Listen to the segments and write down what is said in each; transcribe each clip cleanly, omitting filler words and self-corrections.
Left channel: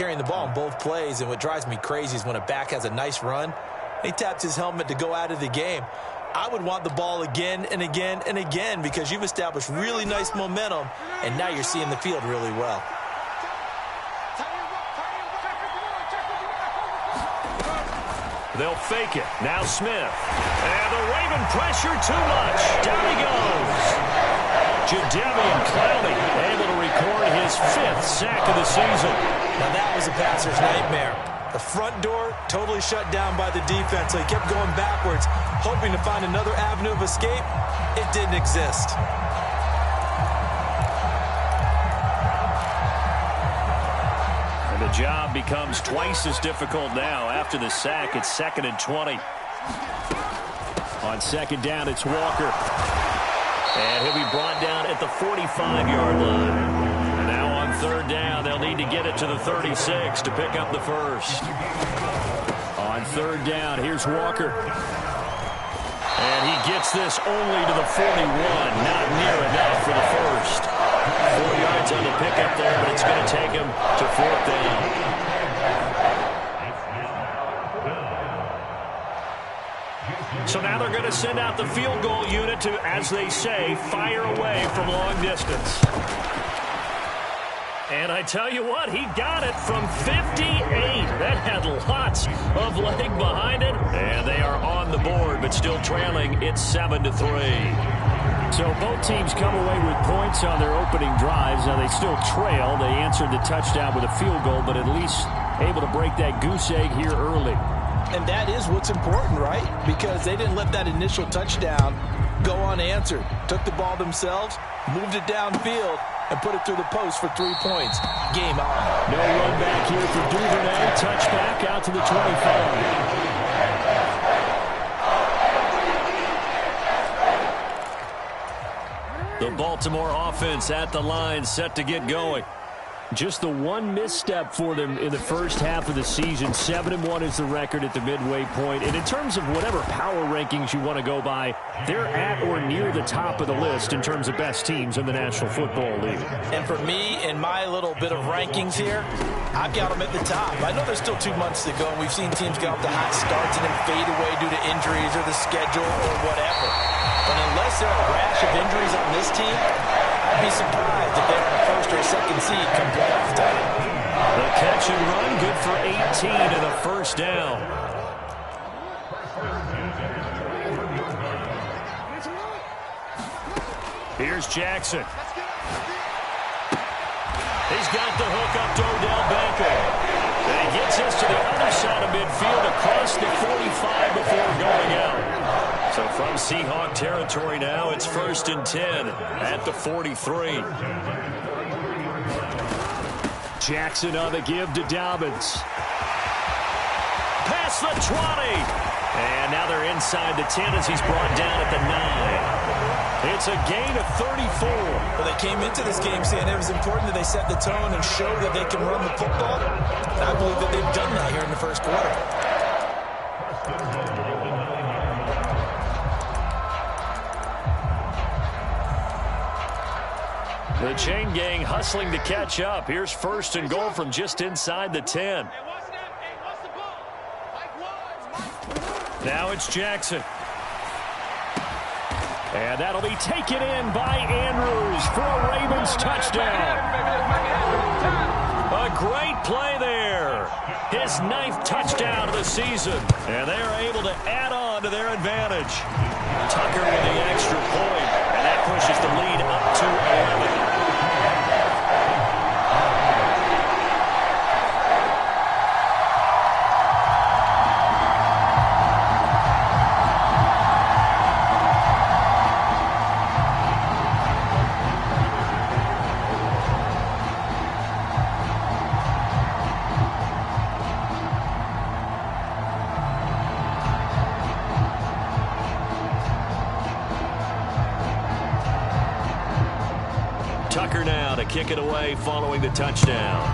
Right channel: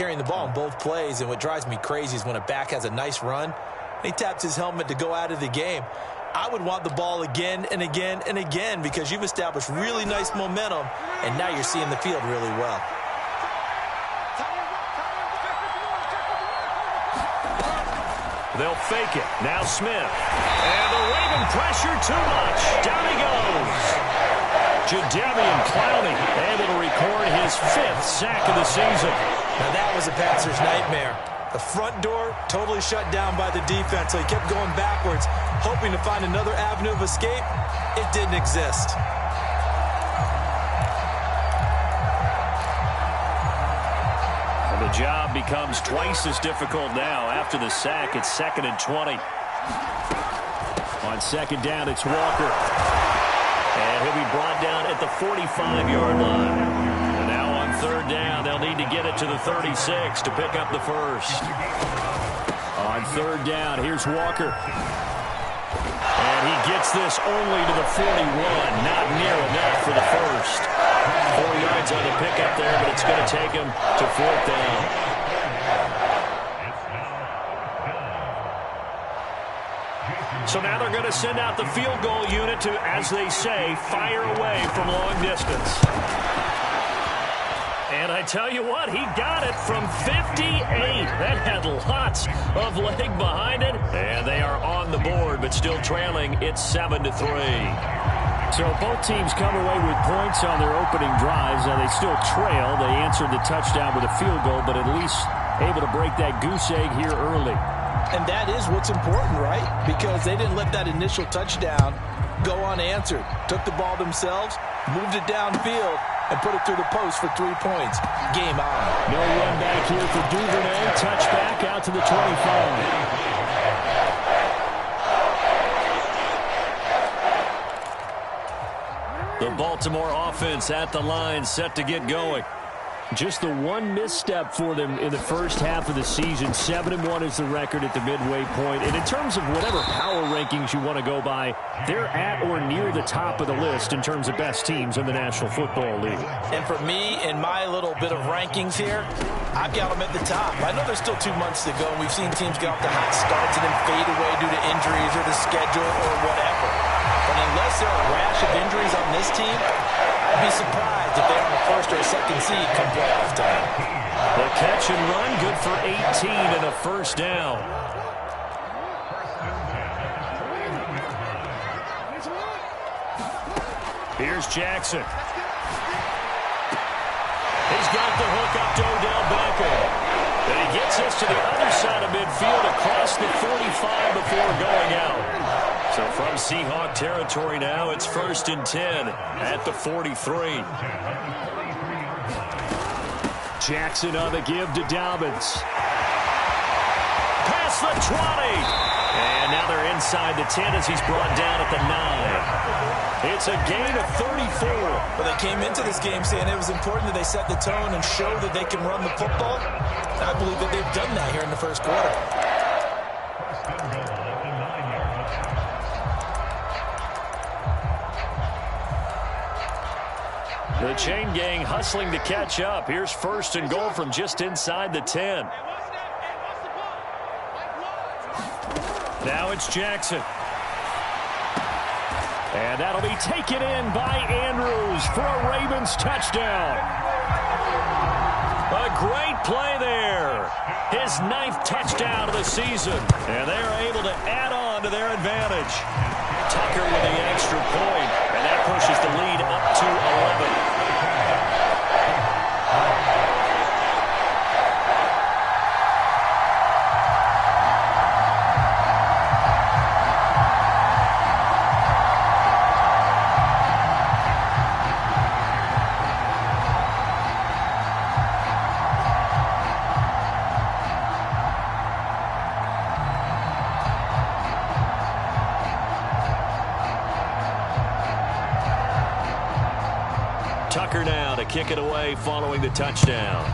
carrying the ball in both plays, and what drives me crazy is when a back has a nice run, he taps his helmet to go out of the game. I would want the ball again and again and again because you've established really nice momentum, and now you're seeing the field really well. They'll fake it. Now Smith. And the Raven pressure too much. Down he goes. Jadeveon Clowney able to record his 5th sack of the season. Now that was a passer's nightmare. The front door totally shut down by the defense, so he kept going backwards, hoping to find another avenue of escape. It didn't exist. And the job becomes twice as difficult now after the sack. It's 2nd and 20. On 2nd down, it's Walker. And he'll be brought down at the 45-yard line. And now on 3rd down, they'll need to get it to the 36 to pick up the first. On 3rd down, here's Walker. And he gets this only to the 41. Not near enough for the first. 4 yards on the pickup there, but it's going to take him to 4th down. So now they're going to send out the field goal unit to, as they say, fire away from long distance. And I tell you what, he got it from 58. That had lots of leg behind it. And they are on the board, but still trailing. It's 7-3. So both teams come away with points on their opening drives. Now they still trail. They answered the touchdown with a field goal, but at least able to break that goose egg here early. And that is what's important, right? Because they didn't let that initial touchdown go unanswered. Took the ball themselves, moved it downfield, and put it through the post for 3 points. Game on. No run back here for Duvernay. Touchback out to the 25. The Baltimore offense at the line, set to get going. Just the one misstep for them in the first half of the season. 7-1 is the record at the midway point. And in terms of whatever power rankings you want to go by, they're at or near the top of the list in terms of best teams in the National Football League. And for me, in my little bit of rankings here, I've got them at the top. I know there's still 2 months to go, and we've seen teams get off to hot starts and then fade away due to injuries or the schedule or whatever. But unless there are a rash of injuries on this team, I'd be surprised if they're on a 1st or 2nd seed come playoff time. The catch and run, good for 18 and a 1st down. Here's Jackson. He's got the hook up to Odell Beckham. And he gets us to the other side of midfield across the 45 before going out. So from Seahawk territory now, it's 1st and 10 at the 43. Jackson on the give to Dobbins. Past the 20. And now they're inside the 10 as he's brought down at the 9. It's a gain of 34. Well, they came into this game saying it was important that they set the tone and show that they can run the football. And I believe that they've done that here in the 1st quarter. The chain gang hustling to catch up. Here's 1st and goal from just inside the 10. Now it's Jackson. And that'll be taken in by Andrews for a Ravens touchdown. A great play there. His 9th touchdown of the season. And they are able to add on to their advantage. Tucker with the extra point, and that pushes the lead up to 11. Tucker now to kick it away following the touchdown.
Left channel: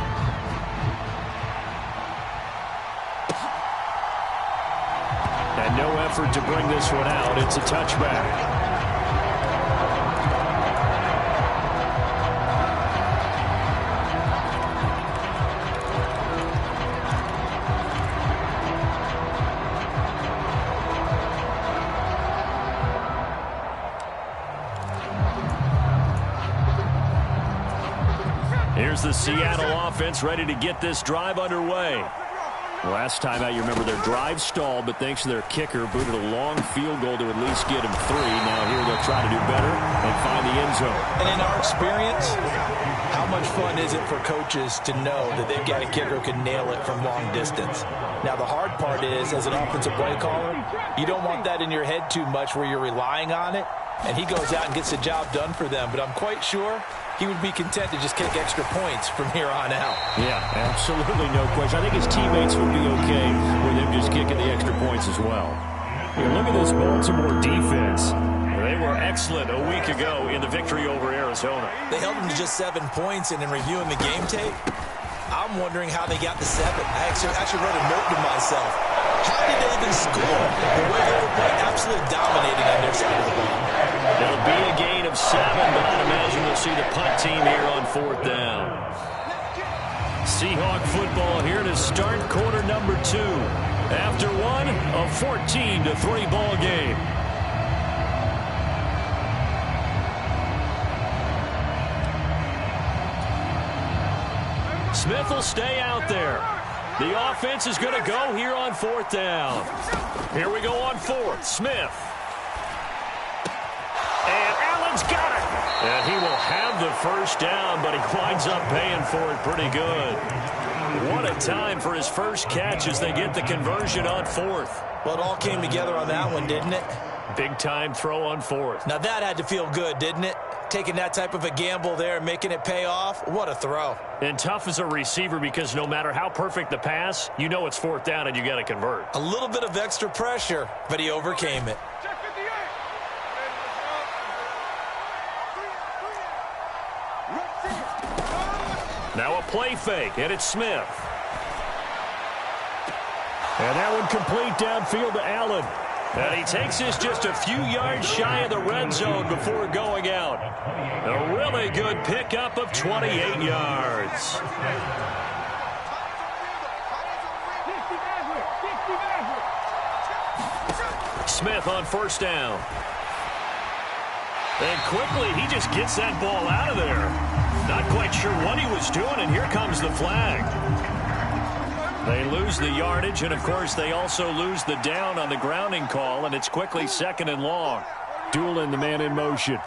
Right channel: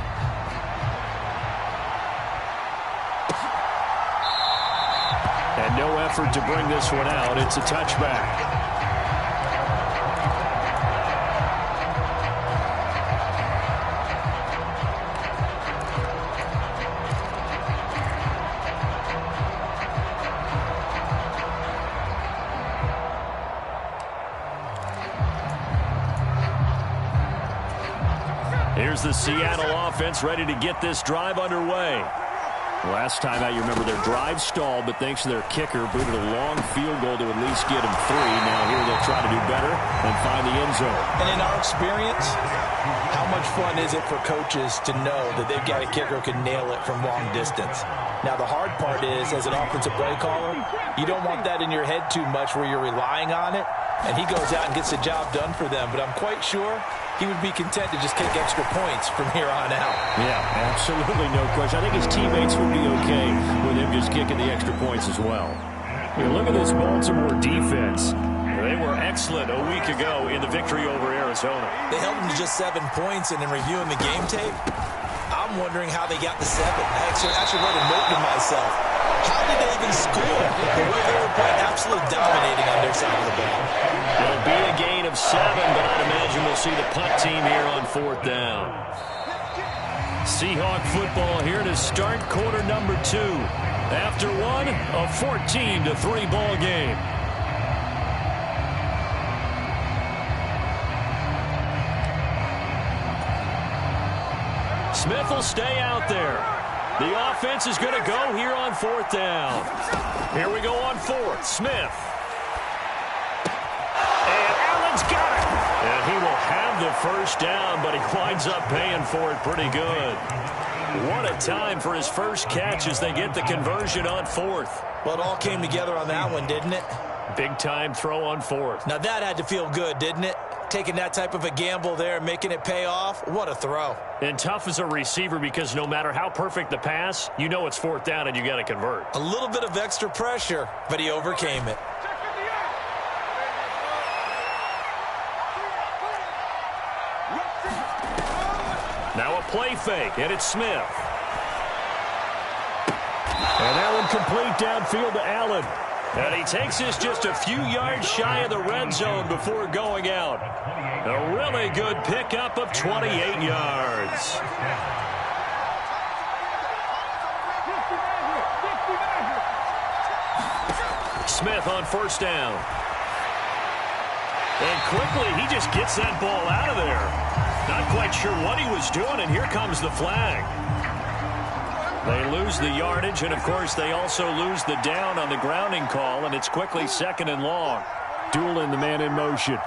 And no effort to bring this one out. It's a touchback. here's the Seattle offense ready to get this drive underway. Last time out, you remember their drive stalled, but thanks to their kicker, booted a long field goal to at least get them 3. Now here they'll try to do better and find the end zone. And in our experience, how much fun is it for coaches to know that they've got a kicker who can nail it from long distance? Now, the hard part is, as an offensive play caller, you don't want that in your head too much where you're relying on it, and he goes out and gets the job done for them. But I'm quite sure he would be content to just kick extra points from here on out. Yeah, absolutely no question. I think his teammates would be okay with him just kicking the extra points as well. Yeah, look at this Baltimore defense. They were excellent a week ago in the victory over Arizona. They held them to just 7 points, and in reviewing the game tape, I'm wondering how they got the 7. I actually wrote a note to myself. How did they even score? The way they were playing, absolutely dominating on their side of the ball. It'll be a gain of 7, but I'd imagine we'll see the punt team here on 4th down. Seahawk football here to start quarter number 2. After one, a 14-3 ball game. Smith will stay out there. The offense is going to go here on 4th down. Here we go on 4th. Smith. And Allen's got it. And he will have the first down, but he winds up paying for it pretty good. What a time for his first catch as they get the conversion on 4th. Well, it all came together on that one, didn't it? Big time throw on 4th. Now that had to feel good, didn't it? Taking that type of a gamble there and making it pay off. What a throw. And tough as a receiver because no matter how perfect the pass, you know it's 4th down and you got to convert. A little bit of extra pressure, but he overcame it. Now a play fake, and it's Smith. And that one complete downfield to Allen. And he takes this just a few yards shy of the red zone before going out. A really good pickup of 28 yards. Smith on 1st down. And quickly, he just gets that ball out of there. Not quite sure what he was doing, and here comes the flag. They lose the yardage, and, of course, they also lose the down on the grounding call, and it's quickly 2nd and long. Doolin, the man in motion.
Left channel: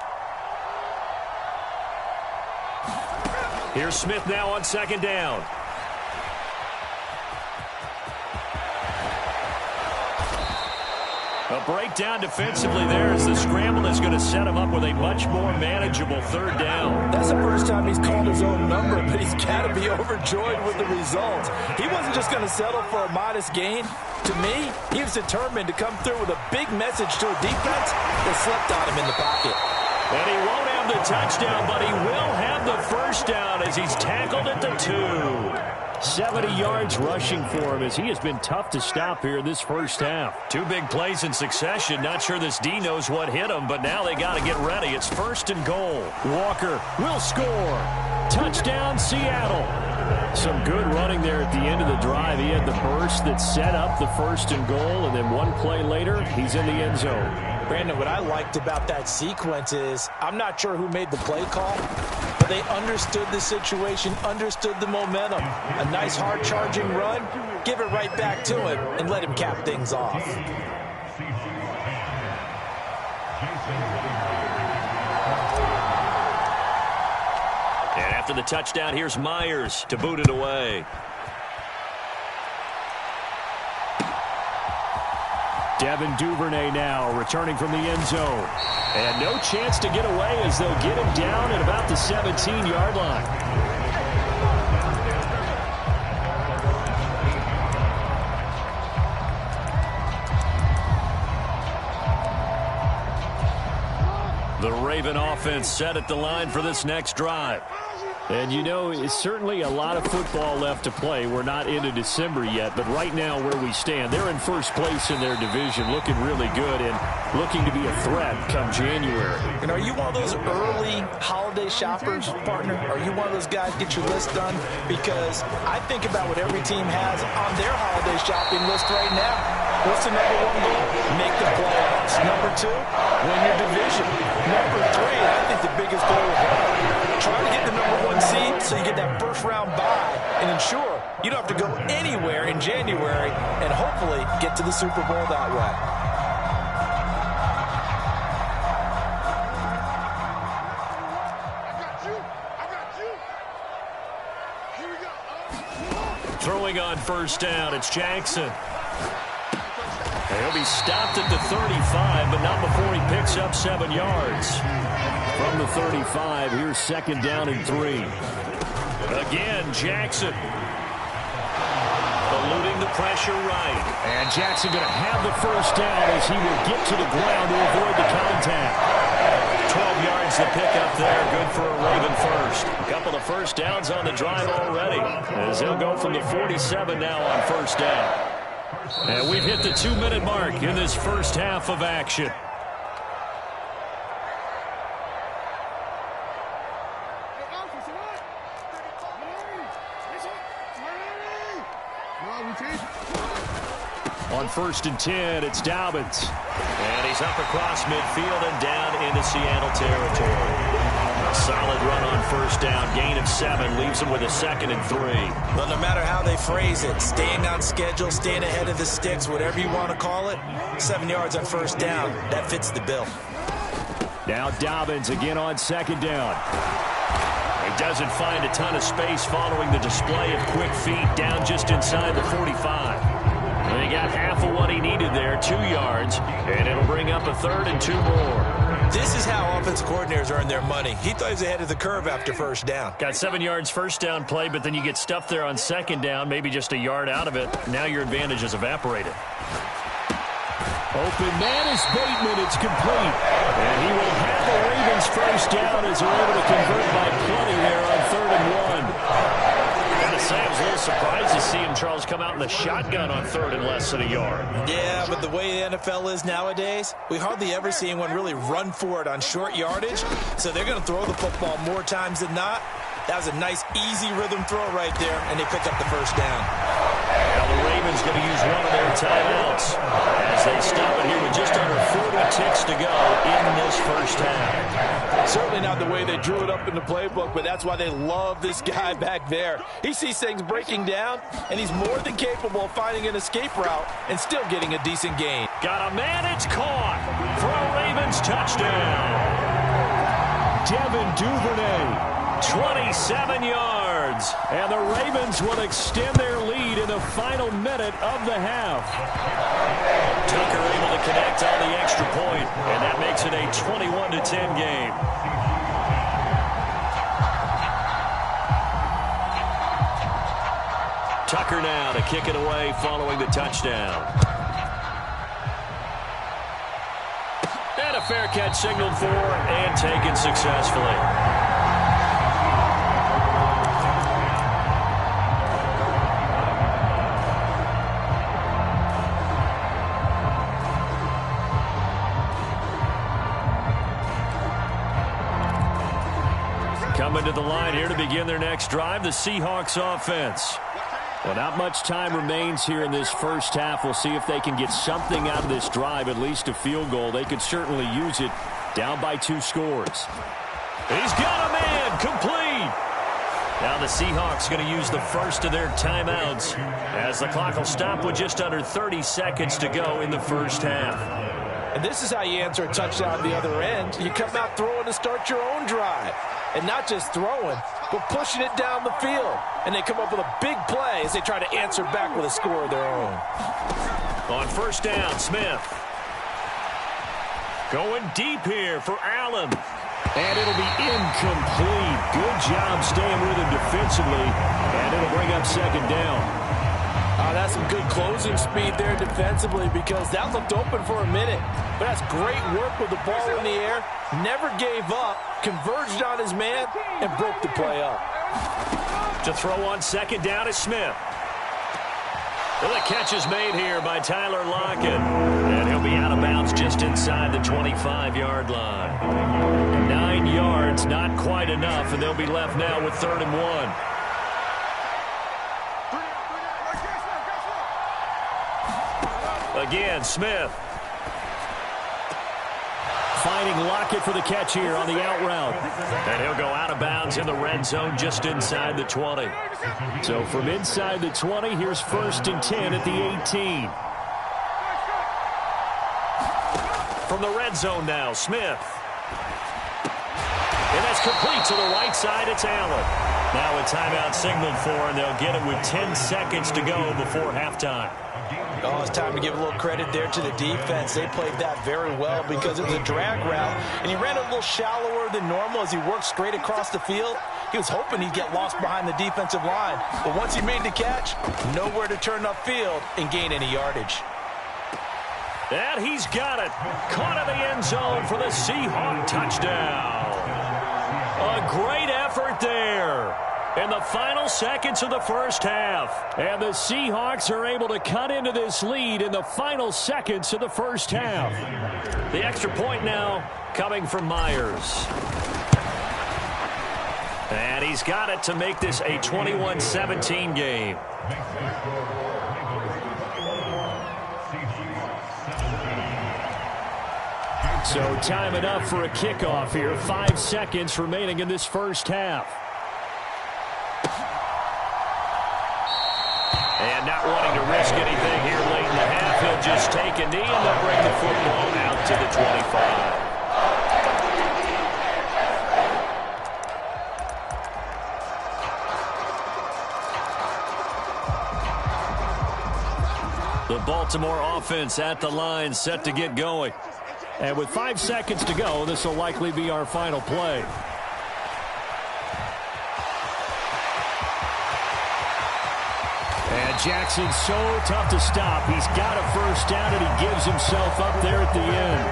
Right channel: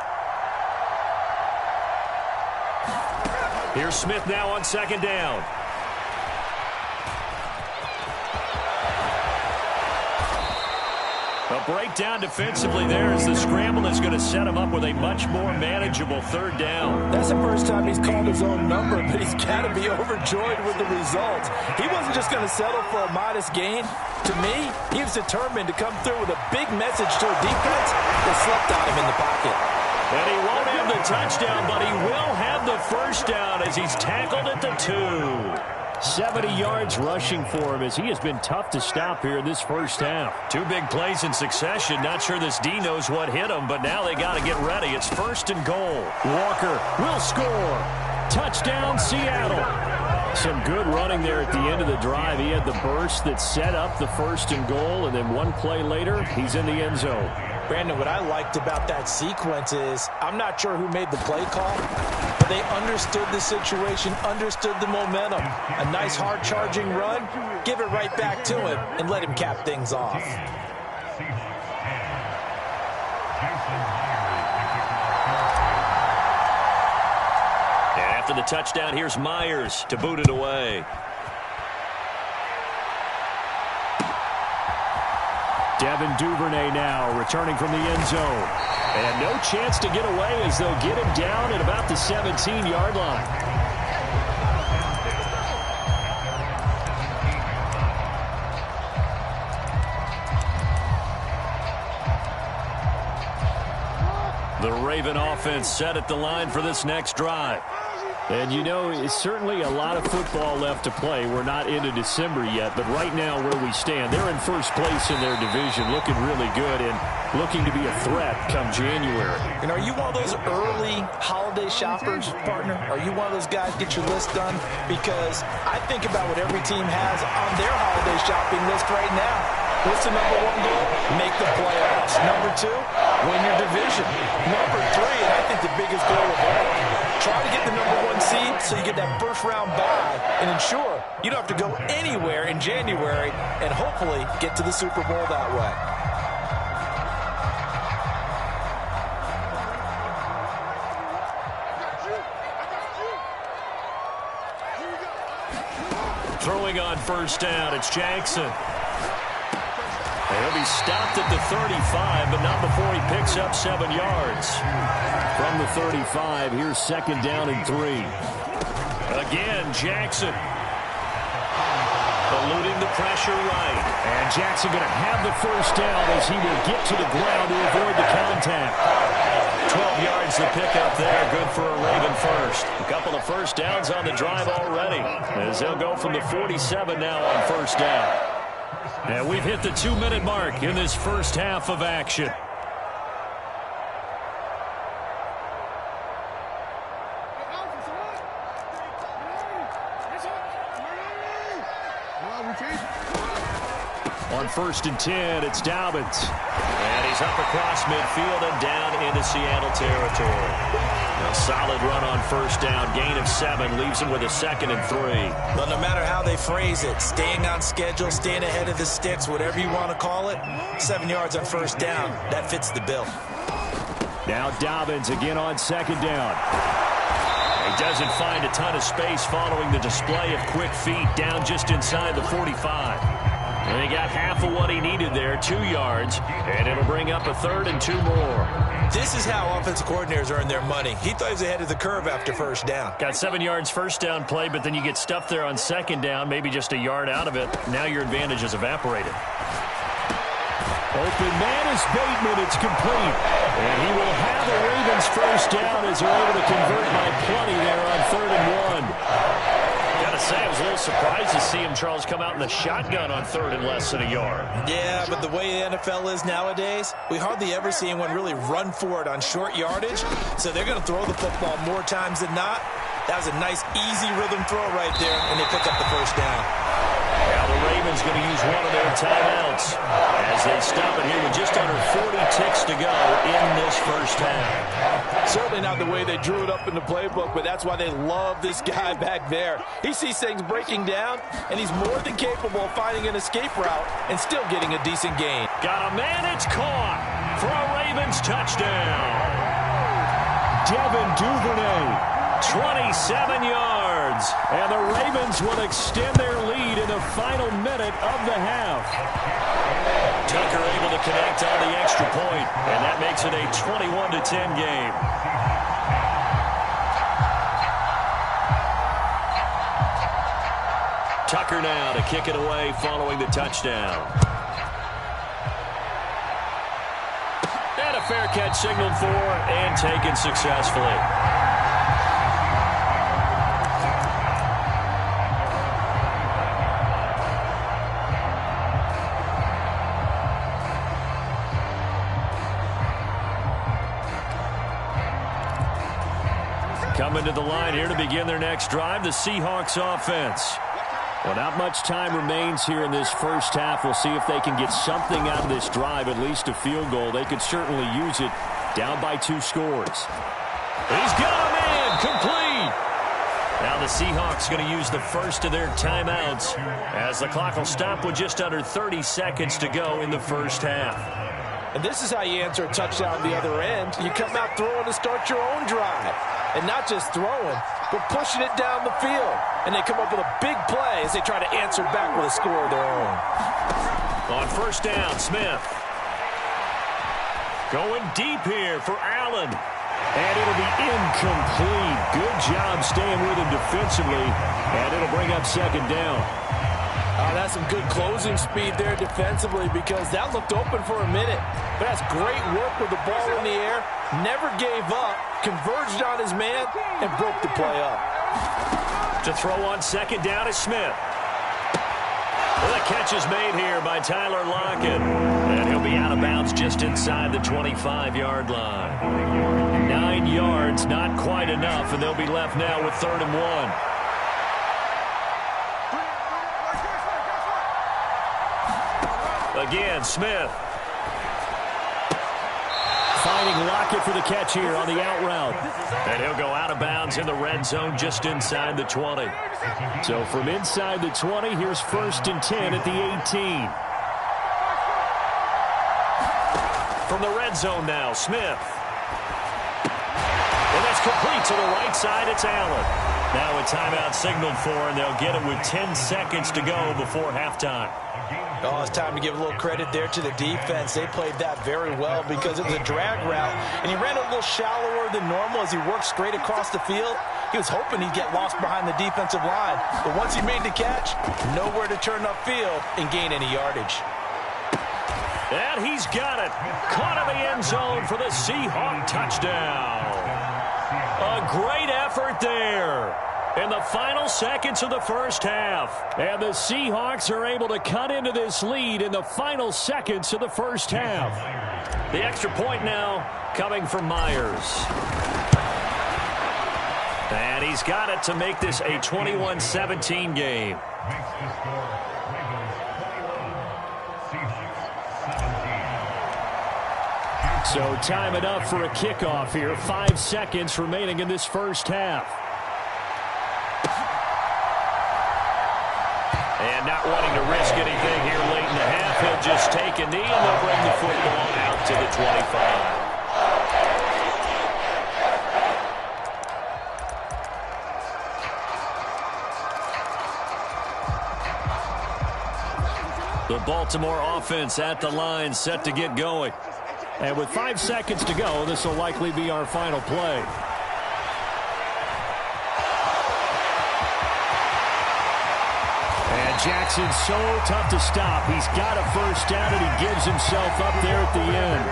Here's Smith now on 2nd down. A breakdown defensively there as the scramble is going to set him up with a much more manageable 3rd down. That's the first time he's called his own number, but he's got to be overjoyed with the results. He wasn't just going to settle for a modest gain. To me, he was determined to come through with a big message to a defense that slept on him in the pocket. And he won't have the touchdown, but he will have the first down as he's tackled at the 2. 70 yards rushing for him as he has been tough to stop here in this first half. 2 big plays in succession. Not sure this D knows what hit him, but now they got to get ready. It's 1st and goal. Walker will score. Touchdown, Seattle. Some good running there at the end of the drive. He had the burst that set up the 1st and goal, and then one play later, he's in the end zone. Brandon, what I liked about that sequence is I'm not sure who made the play call, but they understood the situation, understood the momentum. A nice hard-charging run, give it right back to him, and let him cap things off. And after the touchdown, here's Myers to boot it away. Devin Duvernay now returning from the end zone. And no chance to get away as they'll get him down at about the 17-yard line. The Raven offense set at the line for this next drive. And, you know, it's certainly a lot of football left to play. We're not into December yet, but right now where we stand, they're in first place in their division, looking really good and looking to be a threat come January. And are you one of those early holiday shoppers, partner? Are you one of those guys get your list done? Because I think about what every team has on their holiday shopping list right now. What's the number 1 goal? Make the playoffs. Number 2, win your division. Number 3, and I think the biggest goal of all, Try to get the #1 seed so you get that first-round bye and ensure you don't have to go anywhere in January and hopefully get to the Super Bowl that way. Throwing on first down, it's Jackson. He'll be stopped at the 35, but not before he picks up 7 yards. From the 35, here's second down and 3. Again, Jackson. Eluding the pressure right. And Jackson going to have the first down as he will get to the ground to avoid the contact. 12 yards the pickup there. Good for a Raven first. A couple of first downs on the drive already, as they'll go from the 47 now on first down. And we've hit the 2-minute mark in this first half of action. On 1st and 10, it's Dobbins. And he's up across midfield and down into Seattle territory. A solid run on first down. Gain of 7 leaves him with a 2nd and 3. Well, no matter how they phrase it, staying on schedule, staying ahead of the sticks, whatever you want to call it, 7 yards on first down, that fits the bill. Now Dobbins again on 2nd down. He doesn't find a ton of space following the display of quick feet down just inside the 45. And he got half of what he needed there, 2 yards, and it'll bring up a 3rd and 2 more. This is how offensive coordinators earn their money. He thought he was ahead of the curve after first down. Got 7 yards first down play, but then you get stuffed there on 2nd down, maybe just a yard out of it. Now your advantage is evaporated. Open man is Bateman. It's complete. And he will have a Ravens first down as they're able to convert by plenty there on 3rd and 1. Gotta say, I was a little surprised to see him, Charles, come out in the shotgun on 3rd and less than a yard. Yeah, but the way the NFL is nowadays, we hardly ever see anyone really run for it on short yardage. So they're going to throw the football more times than not. That was a nice, easy rhythm throw right there, and they pick up the first down. Now the Ravens going to use one of their timeouts as they stop it here with just under 40 ticks to go in this first half. Certainly not the way they drew it up in the playbook, but that's why they love this guy back there. He sees things breaking down, and he's more than capable of finding an escape route and still getting a decent gain. Got a man, it's caught for a Ravens touchdown. Devin Duvernay, 27 yards, and the Ravens will extend their lead in the final minute of the half. Tucker able to connect on the extra point, and that makes it a 21-10 game. Tucker now to kick it away following the touchdown. And a fair catch signaled for and taken successfully. Coming to the line here to begin their next drive, the Seahawks offense. Well, not much time remains here in this first half. We'll see if they can get something out of this drive, at least a field goal. They could certainly use it, down by 2 scores. He's got a man, complete. Now the Seahawks going to use the first of their timeouts as the clock will stop with just under 30 seconds to go in the first half. And this is how you answer a touchdown the other end. You come out throwing to start your own drive. And not just throwing, but pushing it down the field. And they come up with a big play as they try to answer back with a score of their own. On first down, Smith. Going deep here for Allen. And it'll be incomplete. Good job staying with him defensively. And it'll bring up second down. That's some good closing speed there defensively because that looked open for a minute. But that's great work with the ball in the air. Never gave up, converged on his man, and broke the play up. To throw on second down is Smith. Well, the catch is made here by Tyler Lockett. And he'll be out of bounds just inside the 25-yard line. 9 yards, not quite enough, and they'll be left now with 3rd and 1. Again, Smith. finding Lockett for the catch here on the out route. And he'll go out of bounds in the red zone just inside the 20. So from inside the 20, here's 1st and 10 at the 18. From the red zone now, Smith. And that's complete to the right side. It's Allen. Now a timeout signaled for, and they'll get it with 10 seconds to go before halftime. Oh, it's time to give a little credit there to the defense. They played that very well because it was a drag route, and he ran a little shallower than normal as he worked straight across the field. He was hoping he'd get lost behind the defensive line, but once he made the catch, nowhere to turn upfield and gain any yardage. And he's got it. Caught in the end zone for the Seahawk touchdown. A great effort there in the final seconds of the first half. And the Seahawks are able to cut into this lead in the final seconds of the first half. The extra point now coming from Myers. And he's got it to make this a 21-17 game. So time it up for a kickoff here. 5 seconds remaining in this first half. And not wanting to risk anything here late in the half, he'll just take a knee and they'll bring the football out to the 25. The Baltimore offense at the line, set to get going. And with 5 seconds to go, this will likely be our final play. And Jackson's so tough to stop. He's got a first down, and he gives himself up there at the end.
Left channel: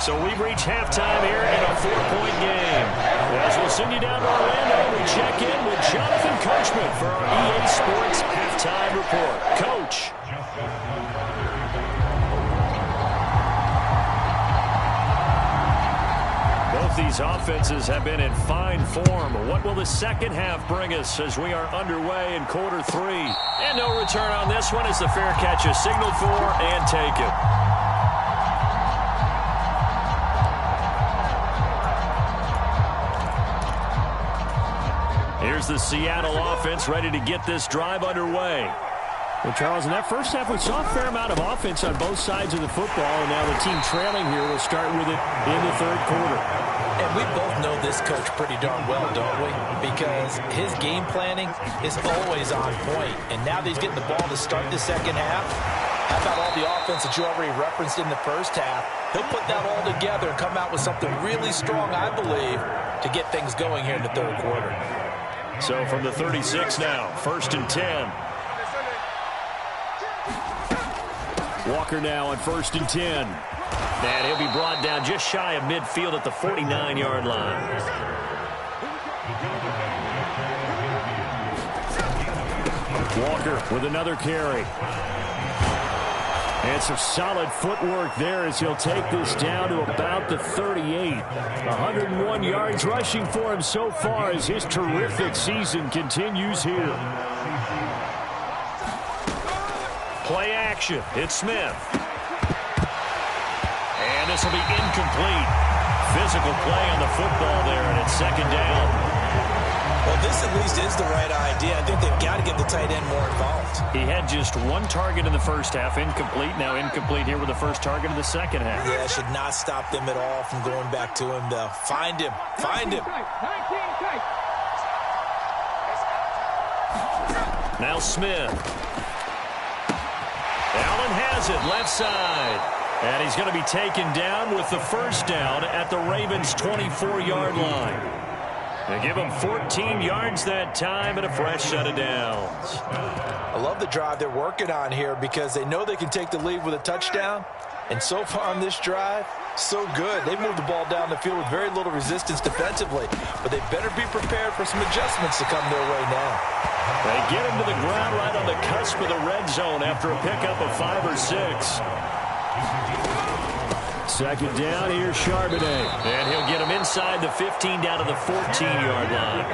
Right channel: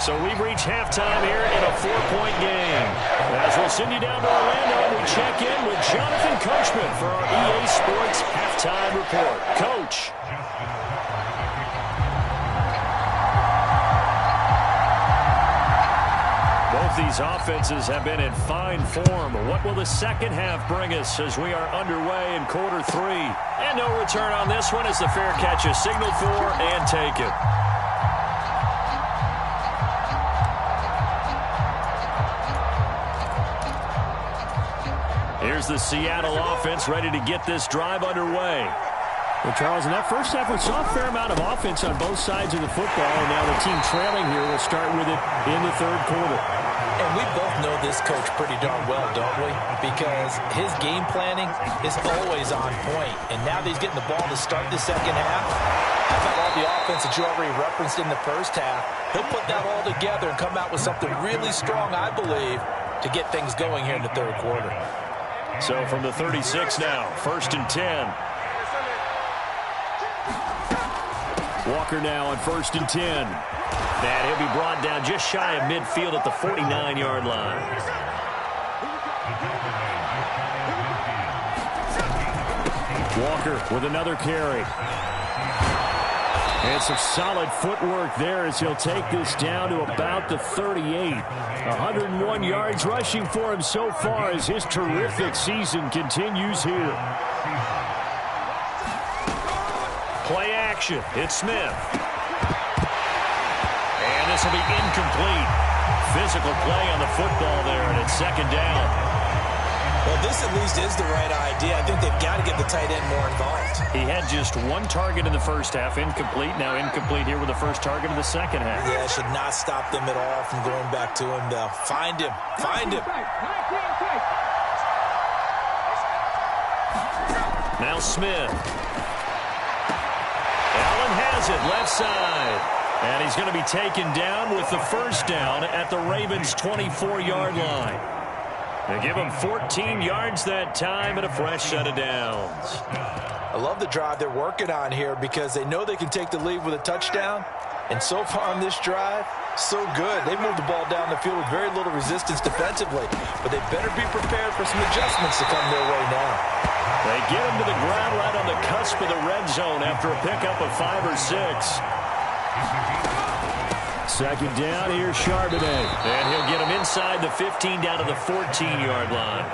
So we've reached halftime here in a 4-point game. As we'll send you down to Orlando, we check in with Jonathan Coachman for our EA Sports Halftime Report. Coach. Both these offenses have been in fine form. What will the second half bring us as we are underway in quarter 3? And no return on this one as the fair catch is signaled for and taken. Here's the Seattle offense ready to get this drive underway. Well, Charles, in that first half, we saw a fair amount of offense on both sides of the football, and now the team trailing here will start with it in the third quarter. And we both know this coach pretty darn well, don't we? Because his game planning is always on point. And now that he's getting the ball to start the second half, how about all the offense that you already referenced in the first half? He'll put that all together and come out with something really strong, I believe, to get things going here in the third quarter. So from the 36 now, 1st and 10. Walker now on 1st and 10. And he'll be brought down just shy of midfield at the 49-yard line. Walker with another carry. And some solid footwork there as he'll take this down to about the 38. 101 yards rushing for him so far as his terrific season continues here. Play action. It's Smith. And this will be incomplete. Physical play on the football there, and it's second down. Well, this at least is the right idea. I think they've got to get the tight end more involved. He had just one target in the first half, incomplete. Now incomplete here with the first target of the second half. Yeah, it should not stop them at all from going back to him, though. Find him. Find him. Now Smith. Allen has it, left side. And he's going to be taken down with the first down at the Ravens' 24-yard line. They give him 14 yards that time and a fresh set of downs. I love the drive they're working on here because they know they can take the lead with a touchdown. And so far on this drive, so good. They moved the ball down the field with very little resistance defensively. But they better be prepared for some adjustments to come their way now. They get him to the ground right on the cusp of the red zone after a pickup of 5 or 6. Second down, here's Charbonnet. And he'll get him inside the 15 down to the 14-yard line.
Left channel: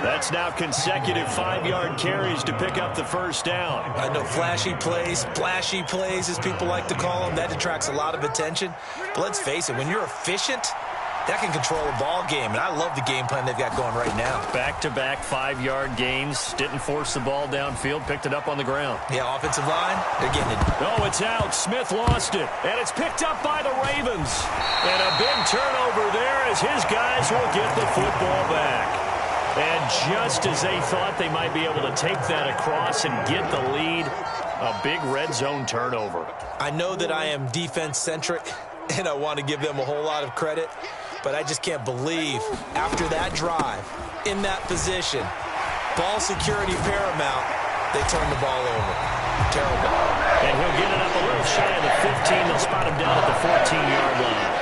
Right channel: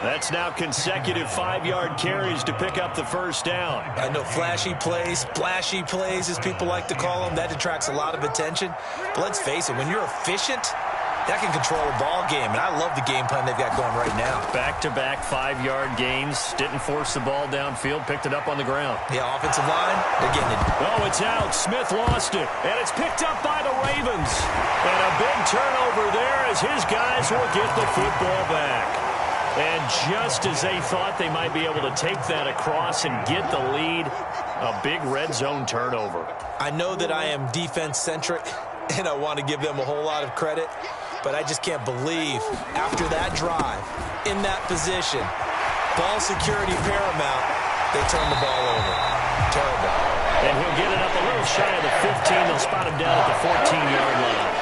That's now consecutive 5-yard carries to pick up the first down. I know flashy plays, splashy plays, as people like to call them, that attracts a lot of attention. But let's face it, when you're efficient, that can control a ball game, and I love the game plan they've got going right now. Back-to-back 5-yard gains. Didn't force the ball downfield, picked it up on the ground. Yeah, offensive line, they're getting it. Oh, it's out. Smith lost it, and it's picked up by the Ravens. And a big turnover there as his guys will get the football back. And just as they thought they might be able to take that across and get the lead, a big red zone turnover. I know that I am defense-centric, and I want to give them a whole lot of credit, but I just can't believe after that drive, in that position, ball security paramount, they turn the ball over. Terrible. And he'll get it up a little shy of the 15. They'll spot him down at the 14-yard line.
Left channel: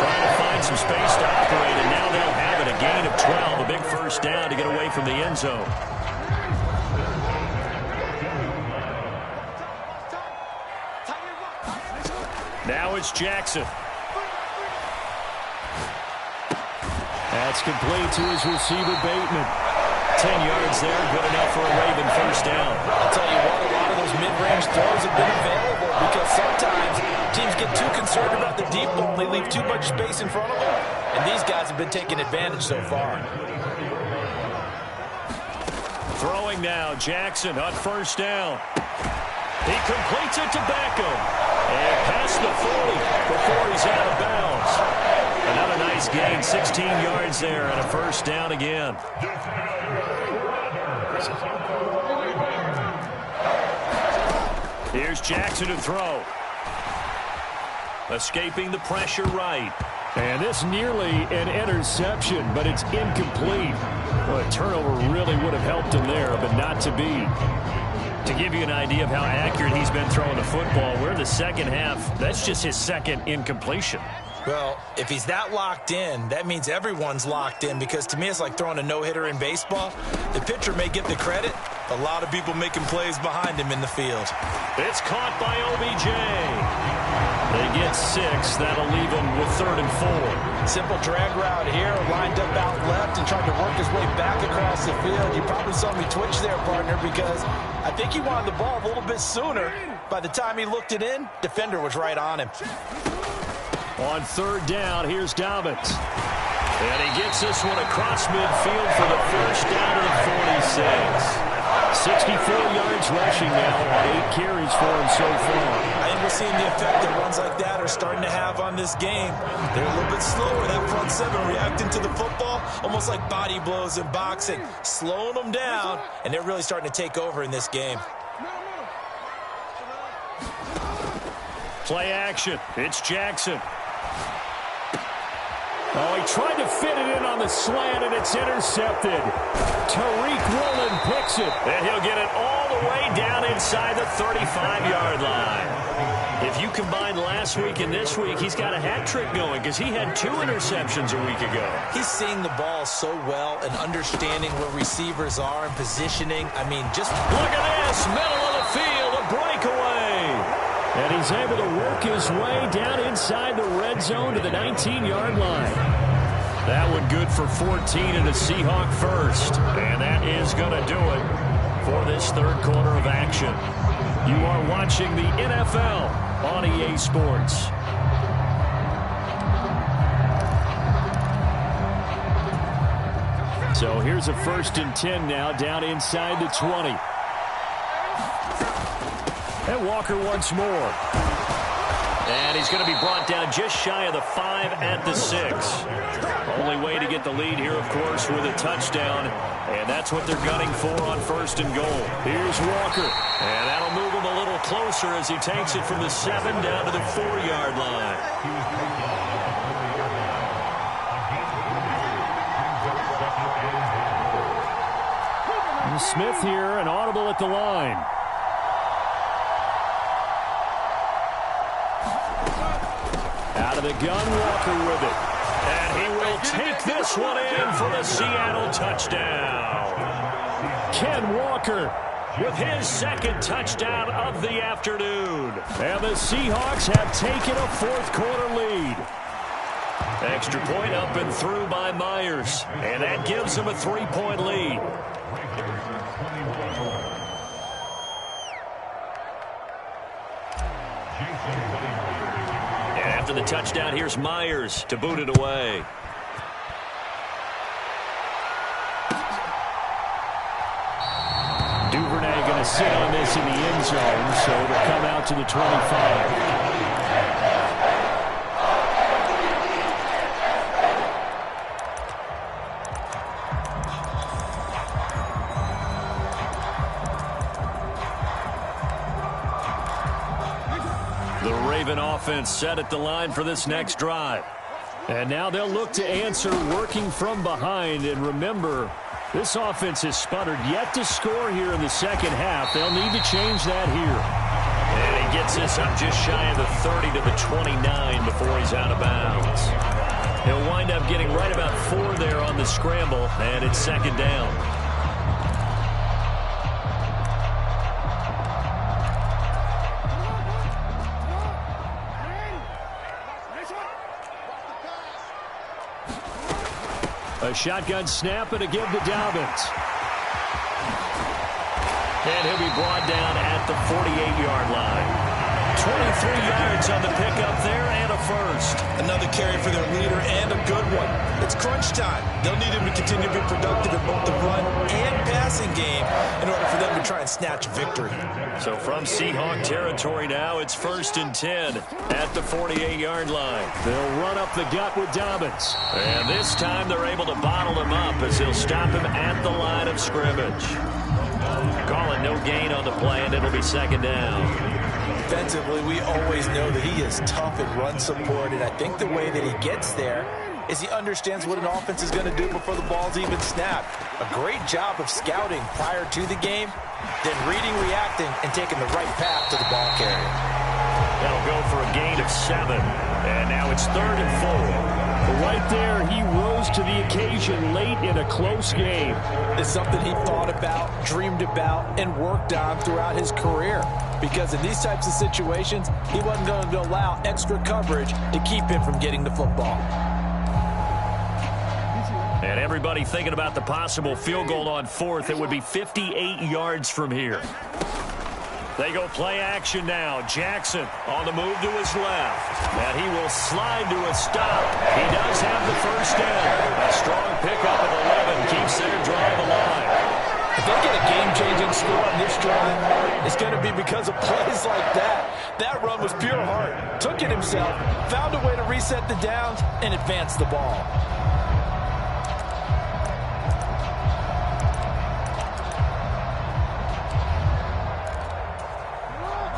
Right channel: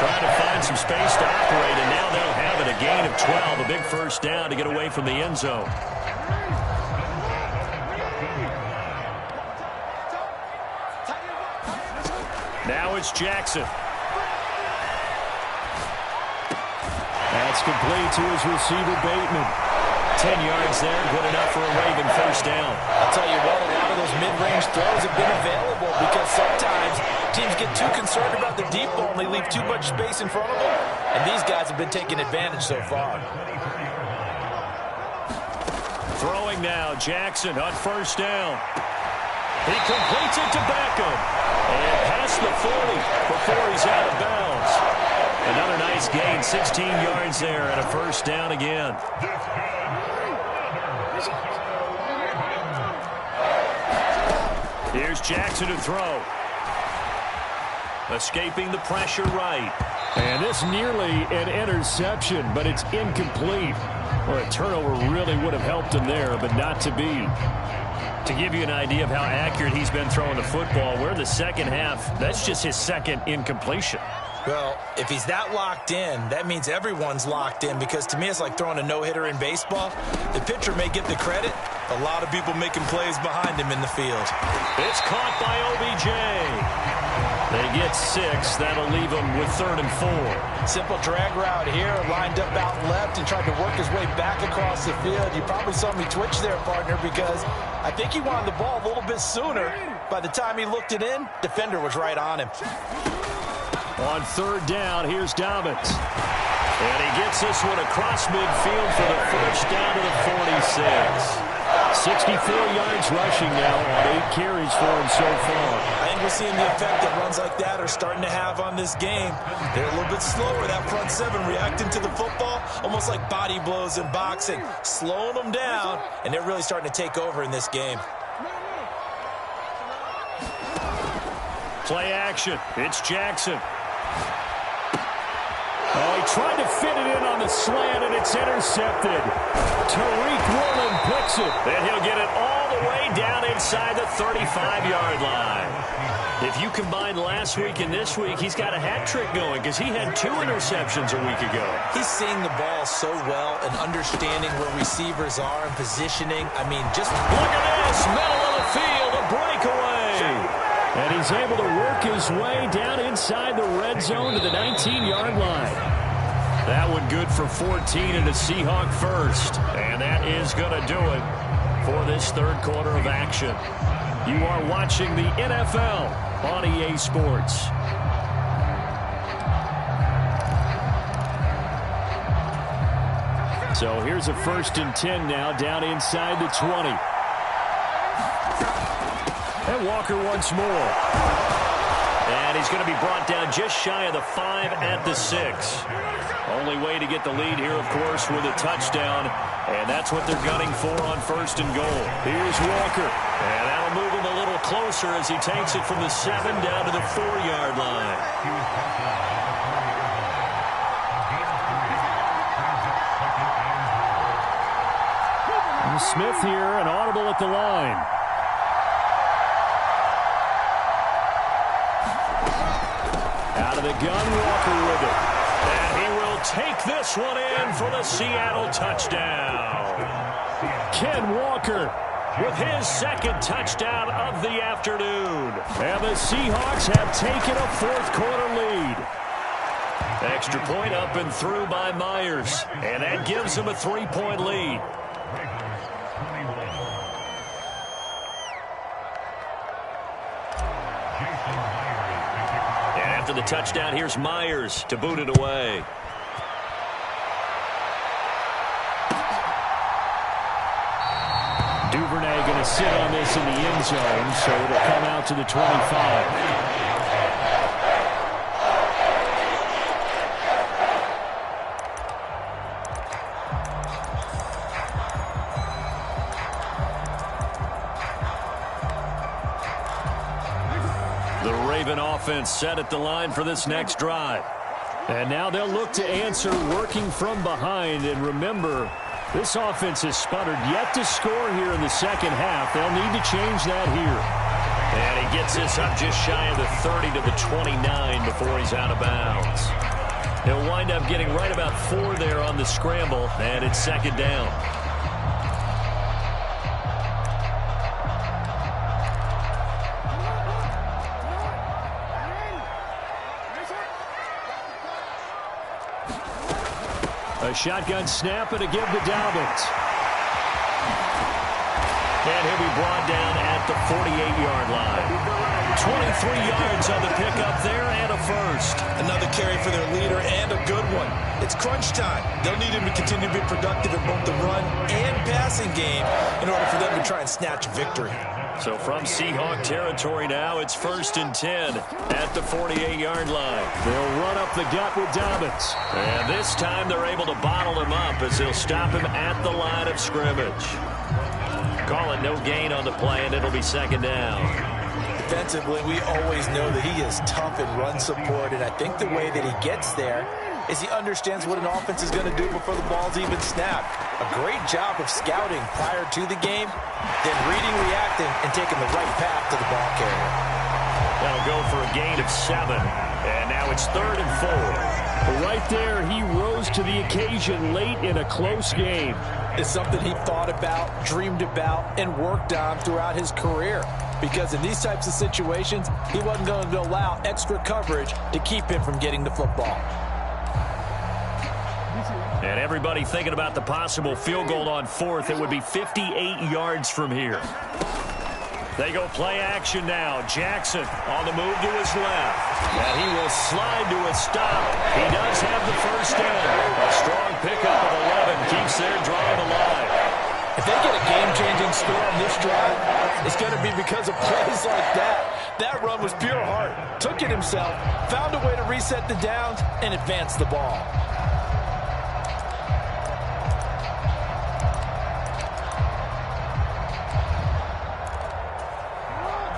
Trying to find some space to operate, and now they'll have it. A gain of 12, a big first down to get away from the end zone. Now it's Jackson. That's complete to his receiver, Bateman. 10 yards there, good enough for a Raven first down. I'll tell you what, a lot of those mid-range throws have been available because sometimes teams get too concerned about the deep ball and they leave too much space in front of them. And these guys have been taking advantage so far. Throwing now, Jackson on first down. He completes it to Beckham. And past the 40 before he's out of bounds. Another nice gain, 16 yards there and a first down again. Here's Jackson to throw. Escaping the pressure right. And this nearly an interception, but it's incomplete. Well, a turnover really would have helped him there, but not to be. To give you an idea of how accurate he's been throwing the football, we're in the second half. That's just his second incompletion. Well, if he's that locked in, that means everyone's locked in, because to me it's like throwing a no-hitter in baseball. The pitcher may get the credit. A lot of people making plays behind him in the field. It's caught by OBJ. They get 6. That'll leave them with 3rd and 4. Simple drag route here, lined up out left and tried to work his way back across the field. You probably saw me twitch there, partner, because I think he wanted the ball a little bit sooner. By the time he looked it in, defender was right on him. On 3rd down, here's Dobbins. And he gets this one across midfield for the first down to the 46. 64 yards rushing now on 8 carries for him so far. I think we're seeing the effect that runs like that are starting to have on this game. They're a little bit slower, that front 7, reacting to the football, almost like body blows in boxing, slowing them down, and they're really starting to take over in this game. Play action. It's Jackson. Oh, he tried to fit it in on the slant, and it's intercepted. Tariq Woolen picks it. And he'll get it all the way down inside the 35-yard line. If you combine last week and this week, he's got a hat trick going because he had 2 interceptions a week ago. He's seeing the ball so well and understanding where receivers are and positioning. I mean, just look at this. Middle of the field, a breakaway. And he's able to work his way down inside the red zone to the 19-yard line. That one good for 14 and a Seahawk first. And that is going to do it for this 3rd quarter of action. You are watching the NFL on EA Sports. So here's a 1st and 10 now down inside the 20. And Walker once more. And he's going to be brought down just shy of the 5 at the 6. Only way to get the lead here, of course, with a touchdown. And that's what they're gunning for on 1st and goal. Here's Walker. And that'll move him a little closer as he takes it from the 7 down to the 4-yard line. And Smith here, an audible at the line. Out of the gun, Walker with it. And he will take this one in for the Seattle touchdown. Ken Walker with his second touchdown of the afternoon. And the Seahawks have taken a fourth-quarter lead. Extra point up and through by Myers. And that gives them a 3-point lead. And after the touchdown, here's Myers to boot it away. Duvernay going to sit on this in the end zone, so it'll come out to the 25. The Raven offense set at the line for this next drive. And now they'll look to answer working from behind. And remember, this offense has sputtered yet to score here in the second half. They'll need to change that here. And he gets this up just shy of the 30 to the 29 before he's out of bounds. He'll wind up getting right about 4 there on the scramble, and it's second down. A shotgun snap and a give to Dobbins. And he'll be brought down at the 48-yard line. 23 yards on the pickup there and a first. Another carry for their leader and a good one. It's crunch time. They'll need him to continue to be productive in both the run and passing game in order for them to try and snatch a victory. So from Seahawk territory now, it's 1st and 10 at the 48-yard line. They'll run up the gut with Dobbins. And this time they're able to bottle him up as they'll stop him at the line of scrimmage. Calling no gain on the play, and it'll be second down. Defensively, we always know that he is tough in run support, and I think the way that he gets there is he understands what an offense is going to do before the ball's even snapped. A great job of scouting prior to the game, then reading, reacting, and taking the right path to the ball carrier. That'll go for a gain of 7, and now it's 3rd and 4. Right there, he rose to the occasion late in a close game. It's something he thought about, dreamed about, and worked on throughout his career. Because in these types of situations, he wasn't going to allow extra coverage to keep him from getting the football. And everybody thinking about the possible field goal on 4th. It would be 58 yards from here. They go play action now. Jackson on the move to his left. And he will slide to a stop. He does have the first down. A strong pickup of 11 keeps their drive alive. If they get a game-changing score on this drive, it's going to be because of plays like that. That run was pure heart. Took it himself, found a way to reset the downs, and advance the ball.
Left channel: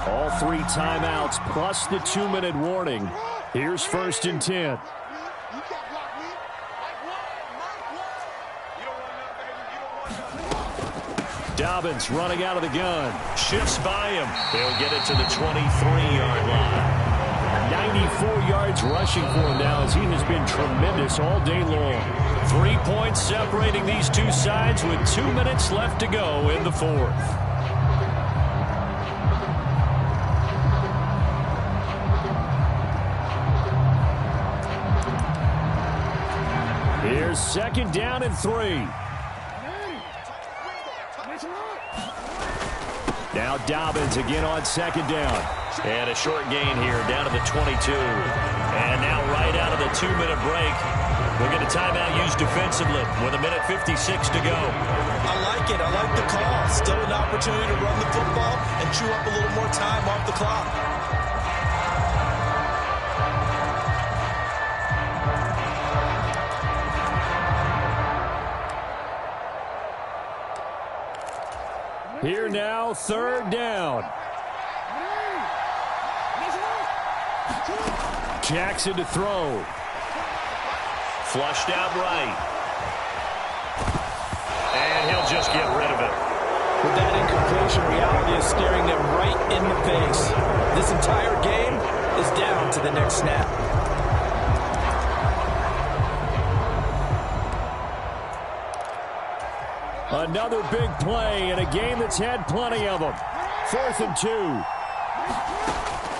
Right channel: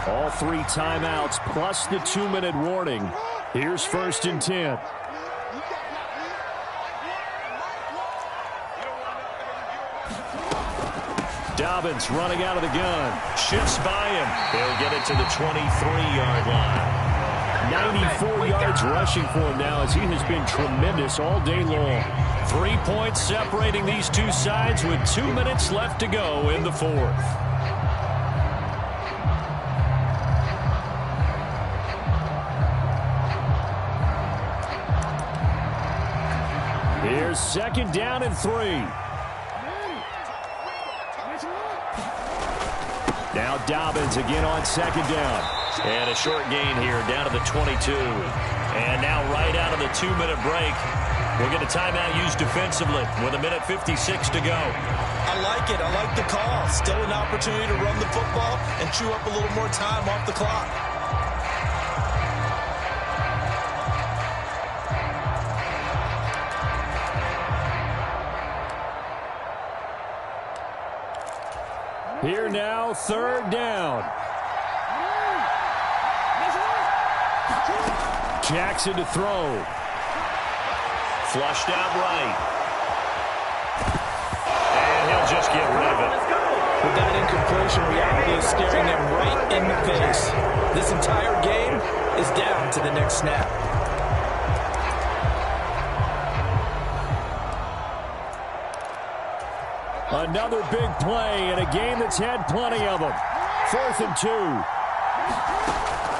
All 3 timeouts plus the 2-minute warning. Here's 1st and 10. Dobbins running out of the gun. Shifts by him. He'll get it to the 23-yard line. 94 yards rushing for him now as he has been tremendous all day long. 3 points separating these two sides with 2 minutes left to go in the 4th. Here's 2nd down and 3. Now Dobbins again on 2nd down. And a short gain here down to the 22. And now right out of the 2-minute break, we'll get a timeout used defensively with 1:56 to go. I like it. I like the call. Still an opportunity to run the football and chew up a little more time off the clock. Here now, 3rd down. Jackson to throw. Flushed out right. And he'll just get rid of it. With that incompletion, reality is staring them right in the face. This entire game is down to the next snap. Another big play in a game that's had plenty of them. 4th and 2.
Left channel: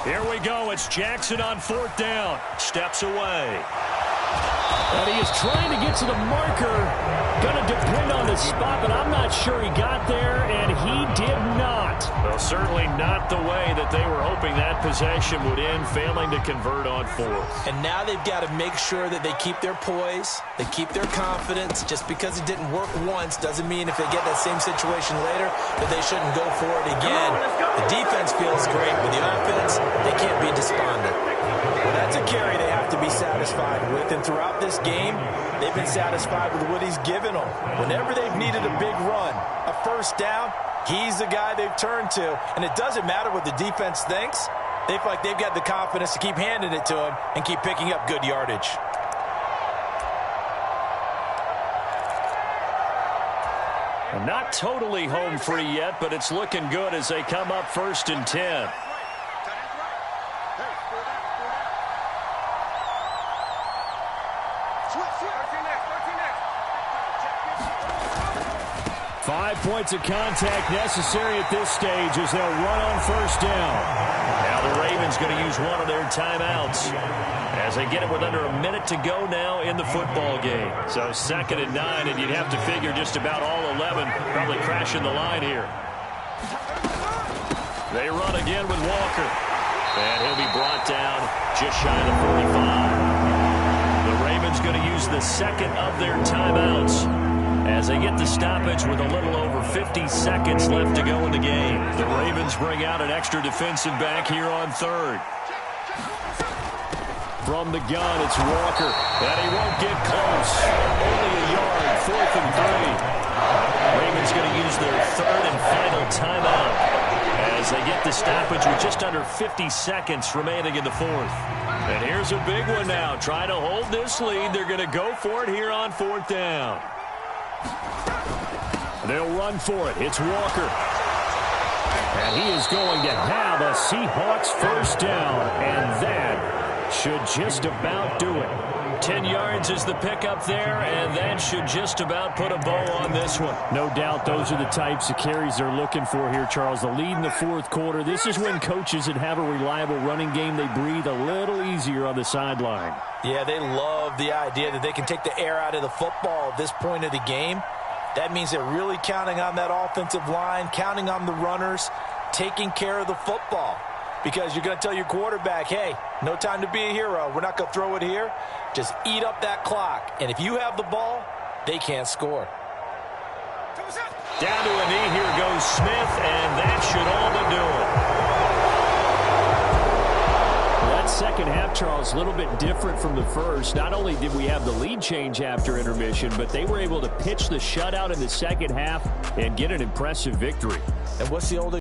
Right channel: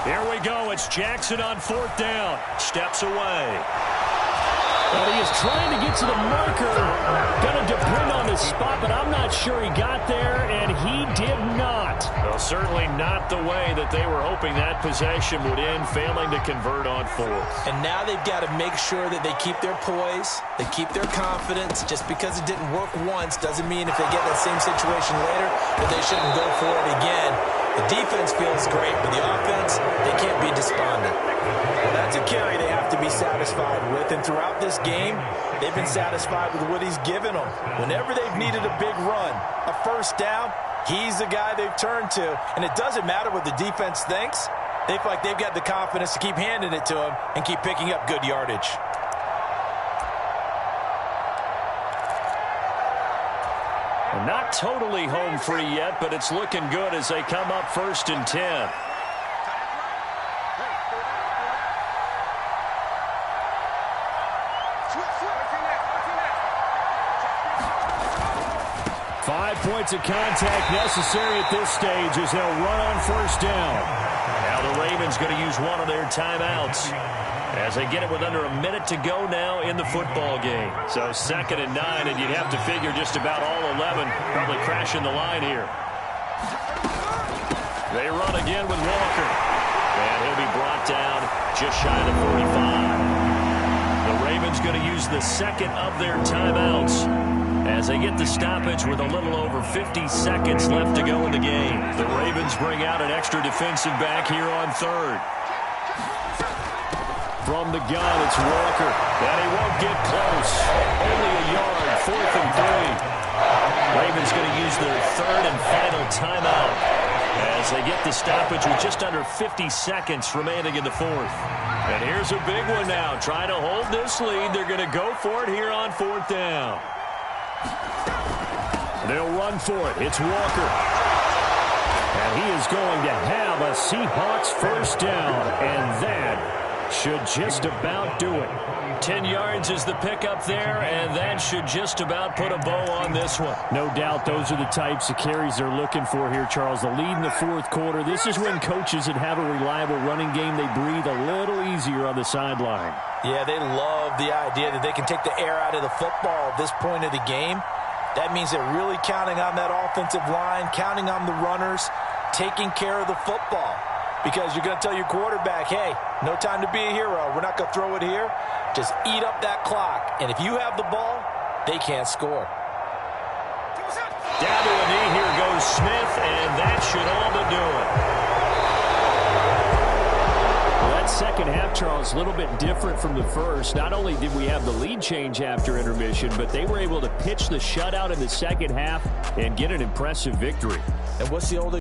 Here we go. It's Jackson on 4th down. Steps away. And he is trying to get to the marker. Going to depend on the spot, but I'm not sure he got there, and he did not. Well, certainly not the way that they were hoping that possession would end, failing to convert on 4th. And now they've got to make sure that they keep their poise, they keep their confidence. Just because it didn't work once doesn't mean if they get that same situation later that they shouldn't go for it again. The defense feels great, but the offense, they can't be despondent. Well, that's a carry they have to be satisfied with, and throughout this game, they've been satisfied with what he's given them. Whenever they've needed a big run, a first down, he's the guy they've turned to, and it doesn't matter what the defense thinks. They feel like they've got the confidence to keep handing it to him and keep picking up good yardage. And not totally home free yet, but it's looking good as they come up 1st and 10. Five points of contact necessary at this stage as they'll run on 1st down. Now the Ravens going to use one of their timeouts as they get it with under a minute to go now in the football game. So 2nd and 9, and you'd have to figure just about all 11 probably crashing the line here. They run again with Walker. And he'll be brought down just shy of the 45. The Ravens going to use the 2nd of their timeouts as they get the stoppage with a little over 50 seconds left to go in the game. The Ravens bring out an extra defensive back here on 3rd. From the gun, it's Walker. And he won't get close. Only a yard, 4th and 3. Ravens going to use their 3rd and final timeout as they get the stoppage with just under 50 seconds remaining in the 4th. And here's a big one now. Trying to hold this lead. They're going to go for it here on 4th down. They'll run for it. It's Walker. And he is going to have a Seahawks 1st down. And that should just about do it. 10 yards is the pickup there, and that should just about put a bow on this one. No doubt those are the types of carries they're looking for here, Charles. The lead in the 4th quarter. This is when coaches that have a reliable running game, they breathe a little easier on the sideline. Yeah, they love the idea that they can take the air out of the football at this point of the game. That means they're really counting on that offensive line, counting on the runners, taking care of the football. Because you're going to tell your quarterback, hey, no time to be a hero. We're not going to throw it here. Just eat up that clock. And if you have the ball, they can't score. Down to a knee, here goes Smith, and that should all but do it. Well, that second half, Charles, a little bit different from the first. Not only did we have the lead change after intermission, but they were able to pitch the shutout in the second half and get an impressive victory. And what's the old